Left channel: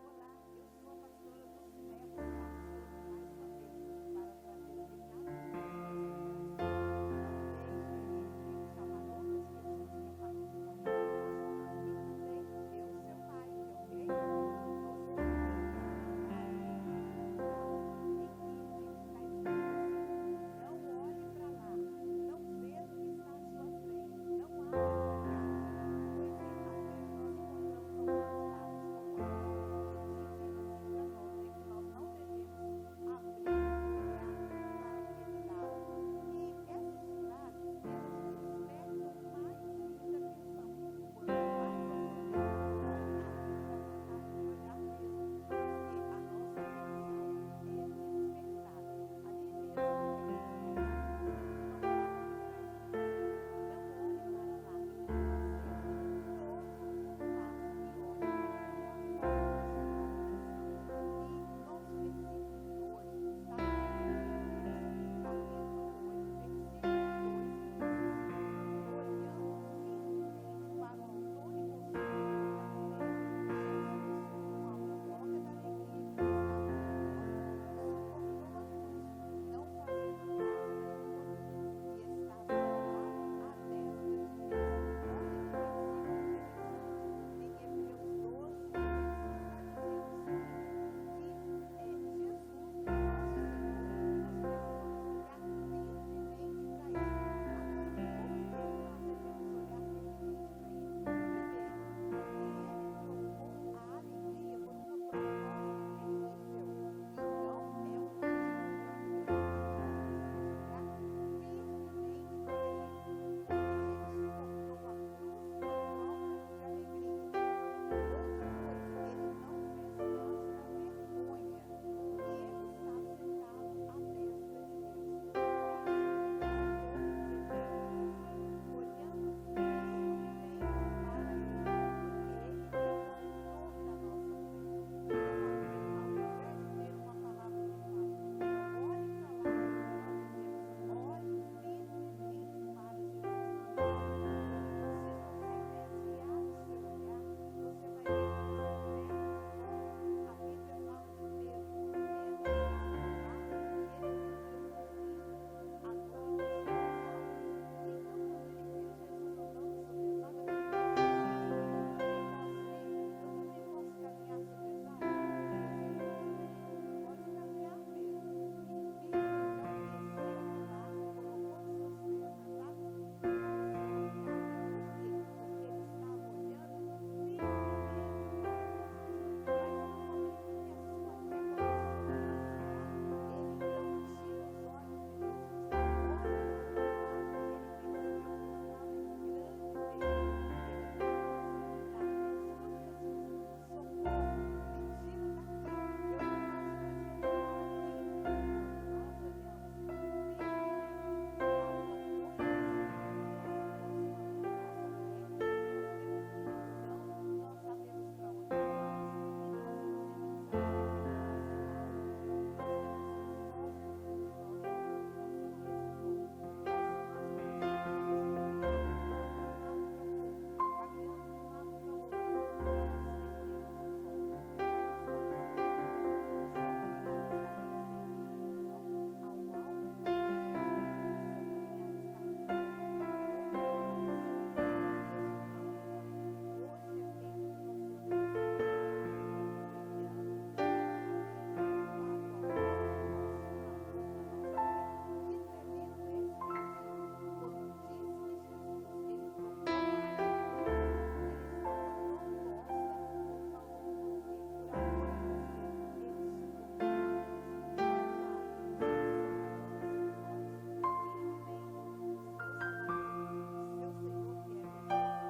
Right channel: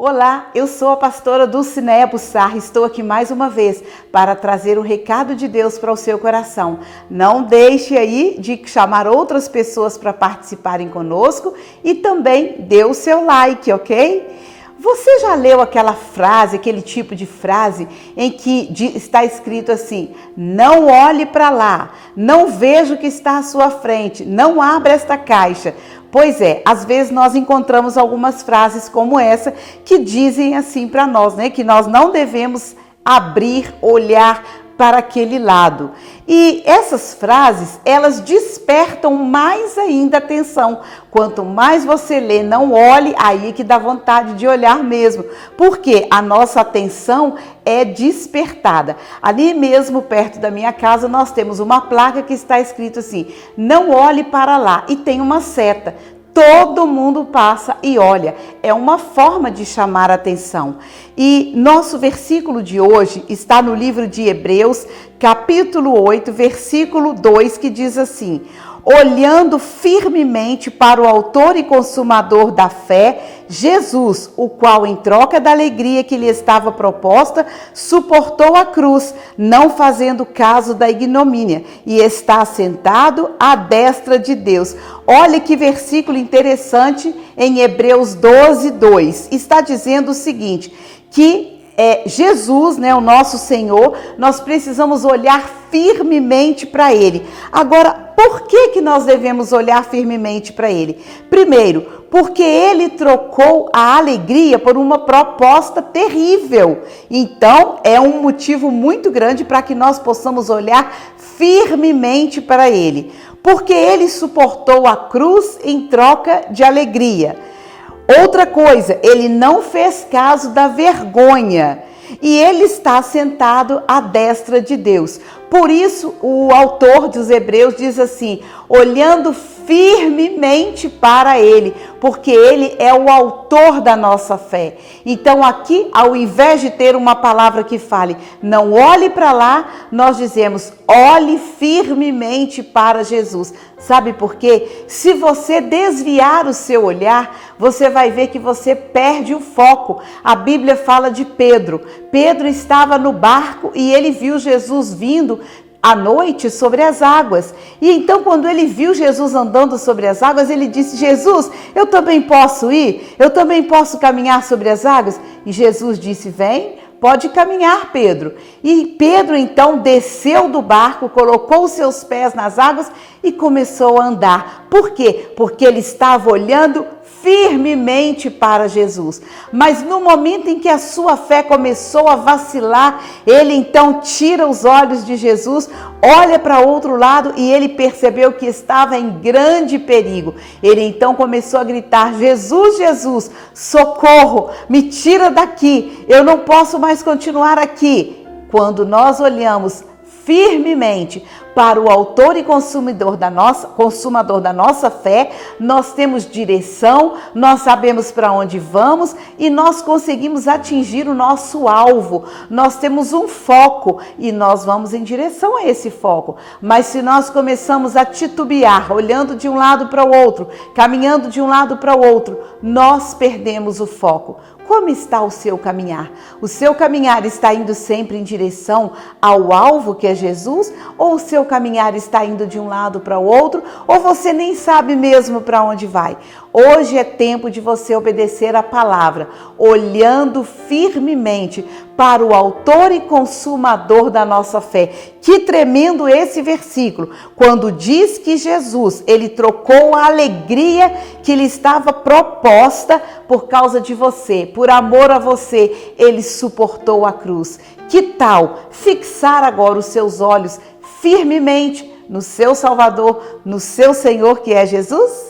Olá, eu sou a pastora Dulcinéia Bussar, estou aqui mais uma vez para trazer um recado de Deus para o seu coração. Não deixe aí de chamar outras pessoas para participarem conosco e também dê o seu like, ok? Você já leu aquela frase, aquele tipo de frase em que está escrito assim: não olhe para lá, não veja o que está à sua frente, não abra esta caixa? Pois é, às vezes nós encontramos algumas frases como essa que dizem assim para nós, né? Que nós não devemos abrir, olhar para aquele lado. E essas frases, elas despertam mais ainda a atenção. Quanto mais você lê, não olhe, aí que dá vontade de olhar mesmo. Porque a nossa atenção é despertada. Ali mesmo, perto da minha casa, nós temos uma placa que está escrito assim: não olhe para lá. E tem uma seta. Todo mundo passa e olha, é uma forma de chamar a atenção. E nosso versículo de hoje está no livro de Hebreus, capítulo 8, versículo 2, que diz assim: olhando firmemente para o autor e consumador da fé, Jesus, o qual, em troca da alegria que lhe estava proposta, suportou a cruz, não fazendo caso da ignomínia, e está sentado à destra de Deus. Olha que versículo interessante em Hebreus 12, 2. Está dizendo o seguinte, que Jesus, né, o nosso Senhor, nós precisamos olhar firmemente para Ele. Agora, por que nós devemos olhar firmemente para Ele? Primeiro, porque Ele trocou a alegria por uma proposta terrível. Então, é um motivo muito grande para que nós possamos olhar firmemente para Ele. Porque Ele suportou a cruz em troca de alegria. Outra coisa, Ele não fez caso da vergonha e Ele está sentado à destra de Deus. Por isso, o autor dos Hebreus diz assim: olhando firmemente para Ele, porque Ele é o autor da nossa fé. Então aqui, ao invés de ter uma palavra que fale, não olhe para lá, nós dizemos, olhe firmemente para Jesus. Sabe por quê? Se você desviar o seu olhar, você vai ver que você perde o foco. A Bíblia fala de Pedro. Pedro estava no barco e ele viu Jesus vindo à noite sobre as águas. E então, quando ele viu Jesus andando sobre as águas, ele disse: Jesus, eu também posso ir? Eu também posso caminhar sobre as águas? E Jesus disse: vem, pode caminhar, Pedro. E Pedro então desceu do barco, colocou os seus pés nas águas e começou a andar. Por quê? Porque ele estava olhando firmemente para Jesus. Mas no momento em que a sua fé começou a vacilar, ele então tira os olhos de Jesus, olha para outro lado e ele percebeu que estava em grande perigo. Ele então começou a gritar: Jesus, Jesus, socorro, me tira daqui, eu não posso mais continuar aqui. Quando nós olhamos firmemente para o autor e consumador da nossa fé, nós temos direção, nós sabemos para onde vamos e nós conseguimos atingir o nosso alvo. Nós temos um foco e nós vamos em direção a esse foco. Mas se nós começamos a titubear, olhando de um lado para o outro, caminhando de um lado para o outro, nós perdemos o foco. Como está o seu caminhar? O seu caminhar está indo sempre em direção ao alvo que é Jesus? Ou o seu caminhar está indo de um lado para o outro? Ou você nem sabe mesmo para onde vai? Hoje é tempo de você obedecer a palavra, olhando firmemente para o autor e consumador da nossa fé. Que tremendo esse versículo, quando diz que Jesus, ele trocou a alegria que lhe estava proposta por causa de você, por amor a você, ele suportou a cruz. Que tal fixar agora os seus olhos firmemente no seu Salvador, no seu Senhor que é Jesus?